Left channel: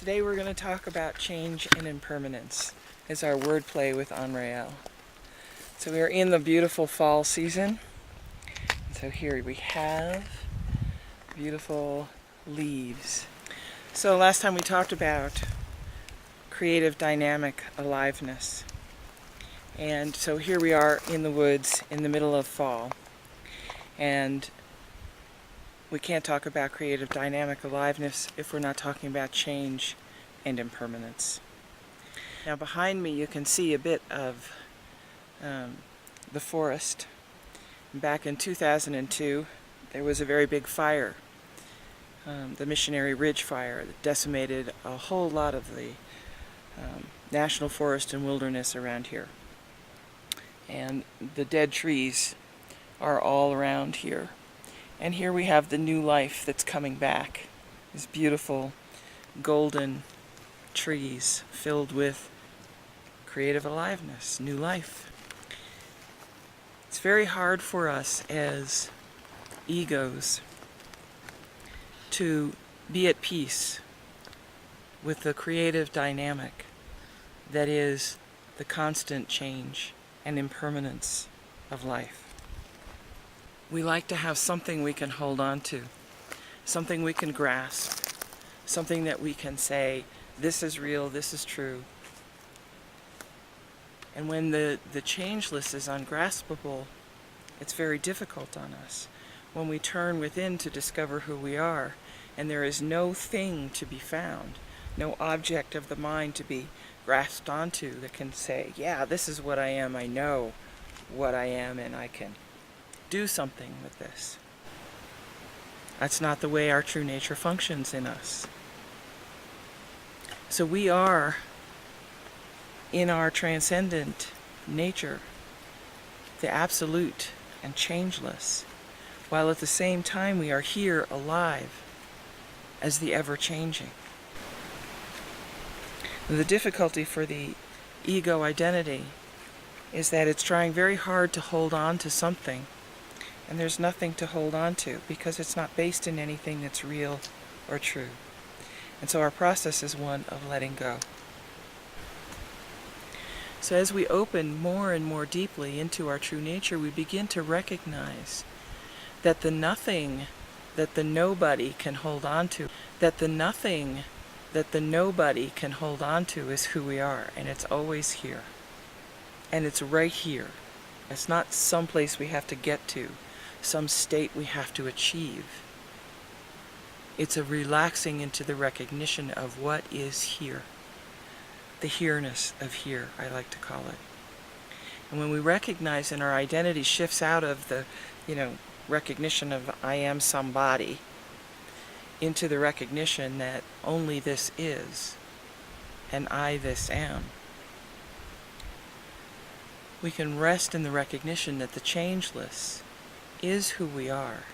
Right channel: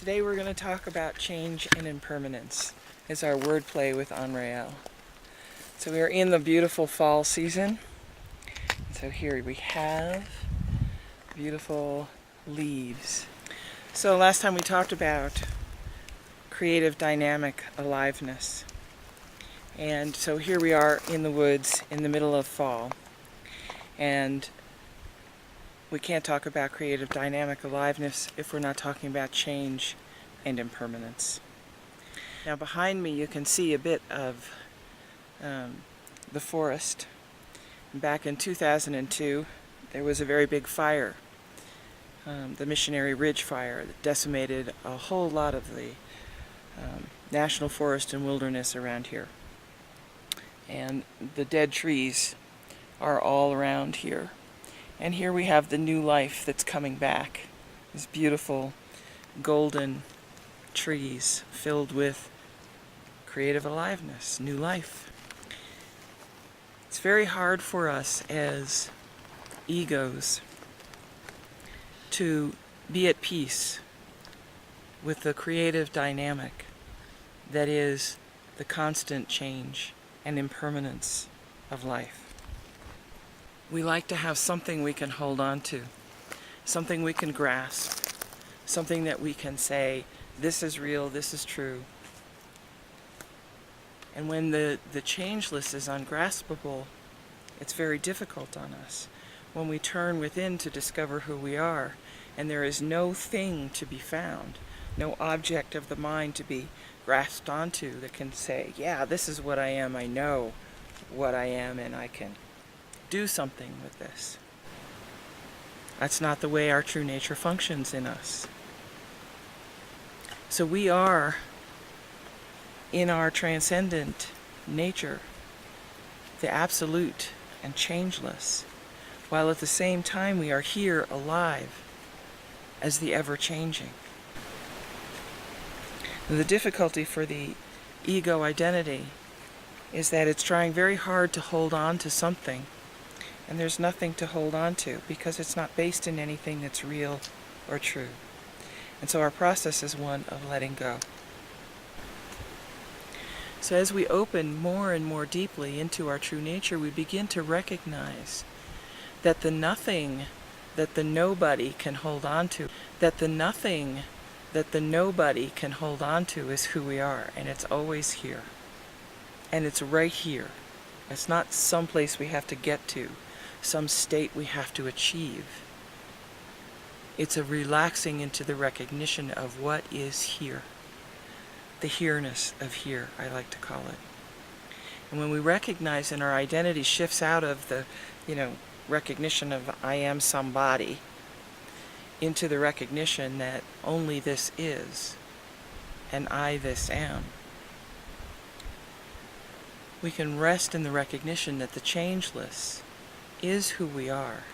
Today we're going to talk about change and impermanence as our wordplay with Anrael. So we are in the beautiful fall season. And so here we have beautiful leaves. So last time we talked about creative dynamic aliveness. And so here we are in the woods in the middle of fall. And we can't talk about creative dynamic aliveness if we're not talking about change and impermanence. Now behind me you can see a bit of the forest. Back in 2002 there was a very big fire, the Missionary Ridge Fire, that decimated a whole lot of the national forest and wilderness around here. And the dead trees are all around here. And here we have the new life that's coming back. These beautiful golden trees filled with creative aliveness, new life. It's very hard for us as egos to be at peace with the creative dynamic that is the constant change and impermanence of life. We like to have something we can hold on to, something we can grasp, something that we can say, this is real, this is true. And when the changeless is ungraspable, it's very difficult on us. When we turn within to discover who we are, and there is no thing to be found, no object of the mind to be grasped onto that can say, yeah, this is what I am, I know what I am, and I can do something with this. That's not the way our true nature functions in us. So we are, in our transcendent nature, the absolute and changeless, while at the same time we are here alive as the ever-changing. The difficulty for the ego identity is that it's trying very hard to hold on to something, and there's nothing to hold on to because it's not based in anything that's real or true. And so our process is one of letting go. So as we open more and more deeply into our true nature, we begin to recognize that the nothing that the nobody can hold on to, that the nothing that the nobody can hold on to is who we are, and it's always here. And it's right here. It's not someplace we have to get to, some state we have to achieve. It's a relaxing into the recognition of what is here. The here-ness of here, I like to call it. And when we recognize and our identity shifts out of the, recognition of I am somebody into the recognition that only this is and I this am, we can rest in the recognition that the changeless is who we are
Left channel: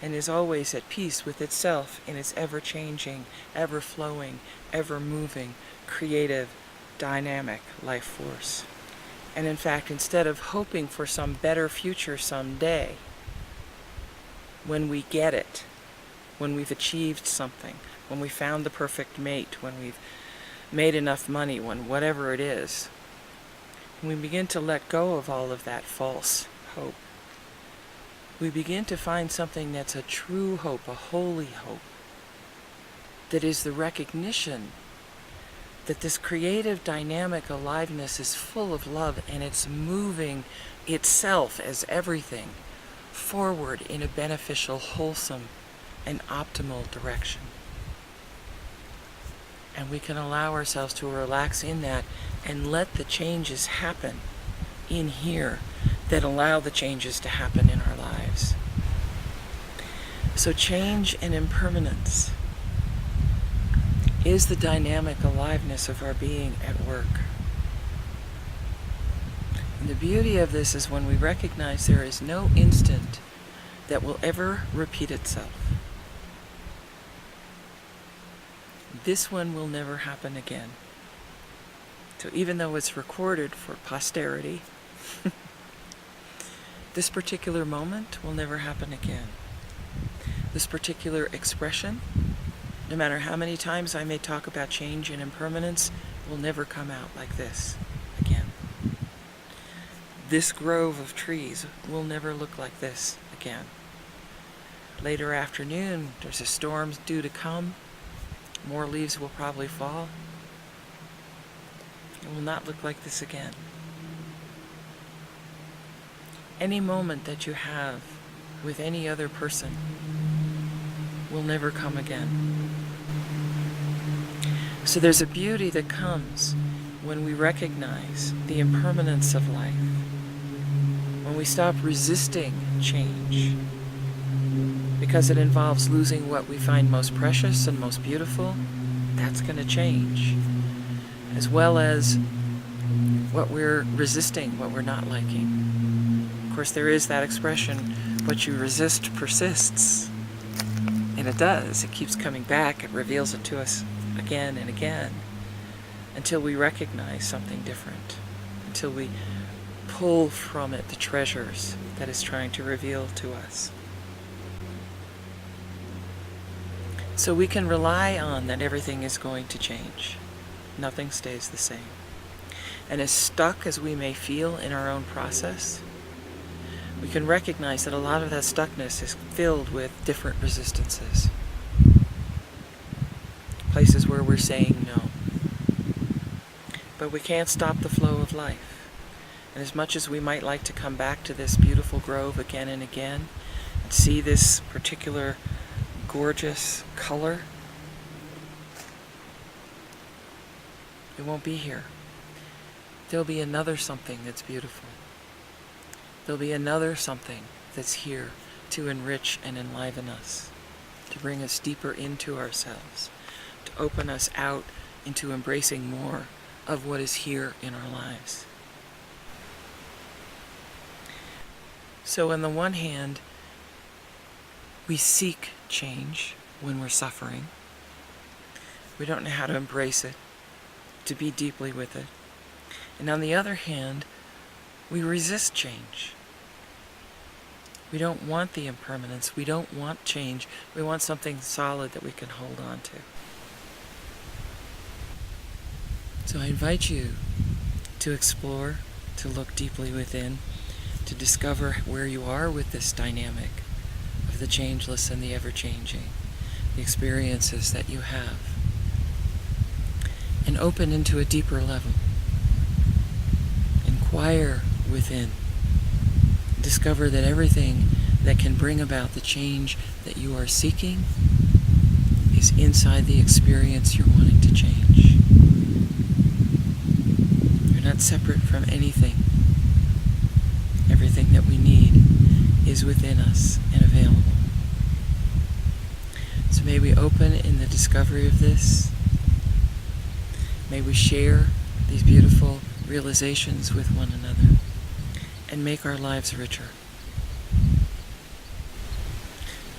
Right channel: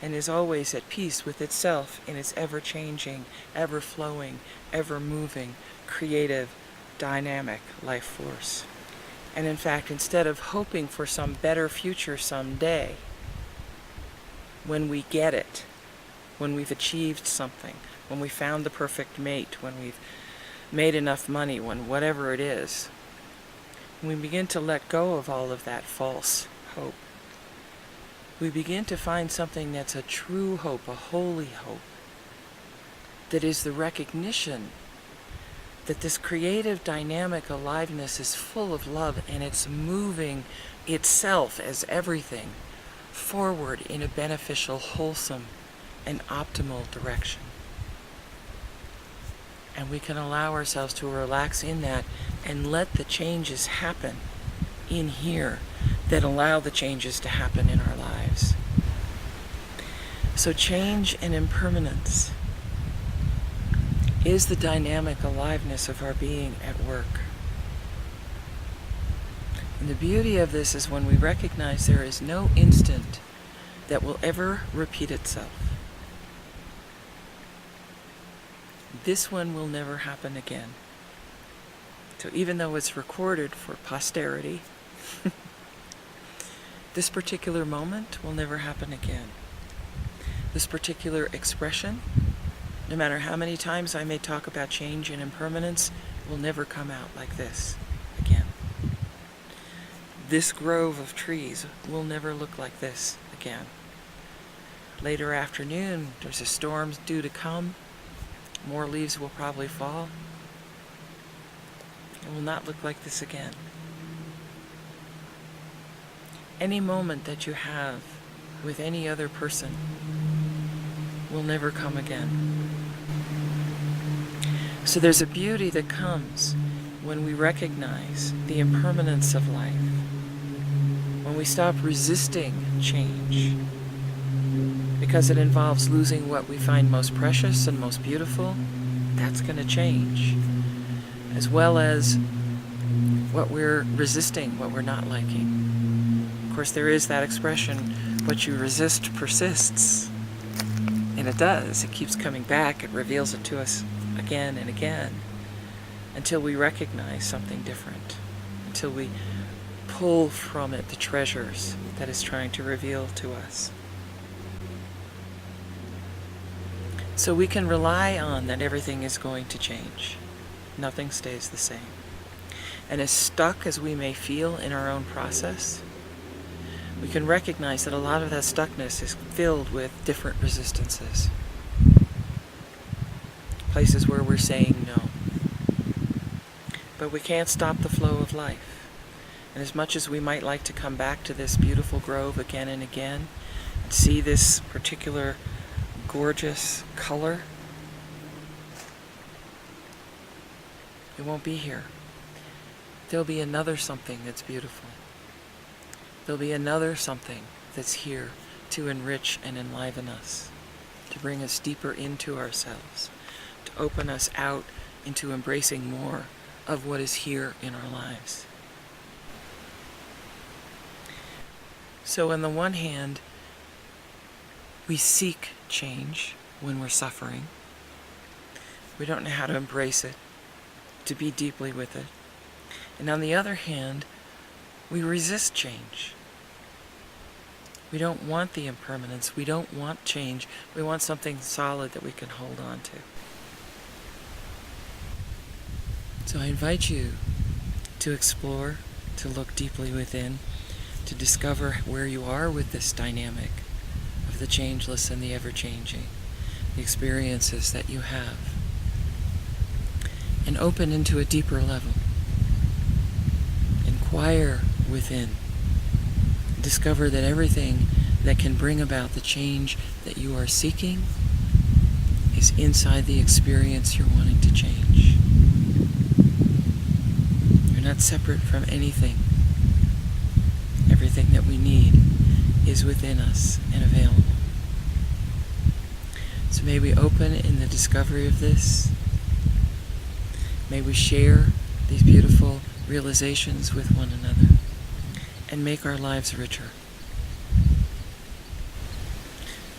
and is always at peace with itself in its ever-changing, ever-flowing, ever-moving, creative, dynamic life force. And in fact, instead of hoping for some better future someday, when we get it, when we've achieved something, when we found the perfect mate, when we've made enough money, when whatever it is, we begin to let go of all of that false hope. We begin to find something that's a true hope, a holy hope, that is the recognition that this creative dynamic aliveness is full of love and it's moving itself as everything forward in a beneficial, wholesome, and optimal direction. And we can allow ourselves to relax in that and let the changes happen in here that allow the changes to happen in our lives. So change and impermanence is the dynamic aliveness of our being at work. And the beauty of this is when we recognize there is no instant that will ever repeat itself. This one will never happen again. So even though it's recorded for posterity, this particular moment will never happen again. This particular expression No matter how many times I may talk about change and impermanence, it will never come out like this again. This grove of trees will never look like this again. Later afternoon, there's a storm due to come. More leaves will probably fall. It will not look like this again. Any moment that you have with any other person will never come again. So there's a beauty that comes when we recognize the impermanence of life, when we stop resisting change, because it involves losing what we find most precious and most beautiful. That's going to change, as well as what we're resisting, what we're not liking. Of course, there is that expression, what you resist persists. And it does. It keeps coming back. It reveals it to us again and again until we recognize something different, until we pull from it the treasures that it's trying to reveal to us. So we can rely on that everything is going to change. Nothing stays the same. And as stuck as we may feel in our own process, we can recognize that a lot of that stuckness is filled with different resistances. Places where we're saying no. But we can't stop the flow of life. And as much as we might like to come back to this beautiful grove again and again, and see this particular gorgeous color, it won't be here. There'll be another something that's beautiful. There'll be another something that's here to enrich and enliven us, to bring us deeper into ourselves, to open us out into embracing more of what is here in our lives. So on the one hand, we seek change when we're suffering. We don't know how to embrace it, to be deeply with it. And on the other hand, we resist change. We don't want the impermanence. We don't want change. We want something solid that we can hold on to. So I invite you to explore, to look deeply within, to discover where you are with this dynamic of the changeless and the ever-changing, the experiences that you have, and open into a deeper level. Inquire within. Discover that everything that can bring about the change that you are seeking is inside the experience you're wanting to change. You're not separate from anything. Everything that we need is within us and available. So may we open in the discovery of this. May we share these beautiful realizations with one another and make our lives richer.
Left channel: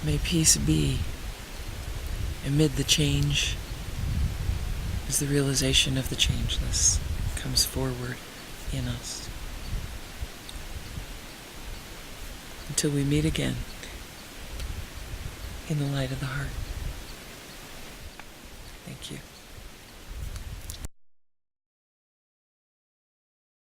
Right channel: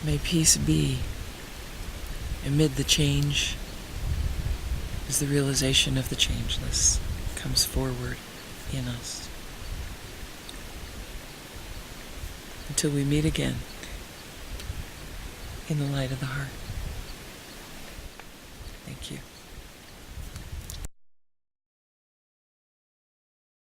May peace be amid the change as the realization of the changeless comes forward in us. Until we meet again in the light of the heart. Thank you.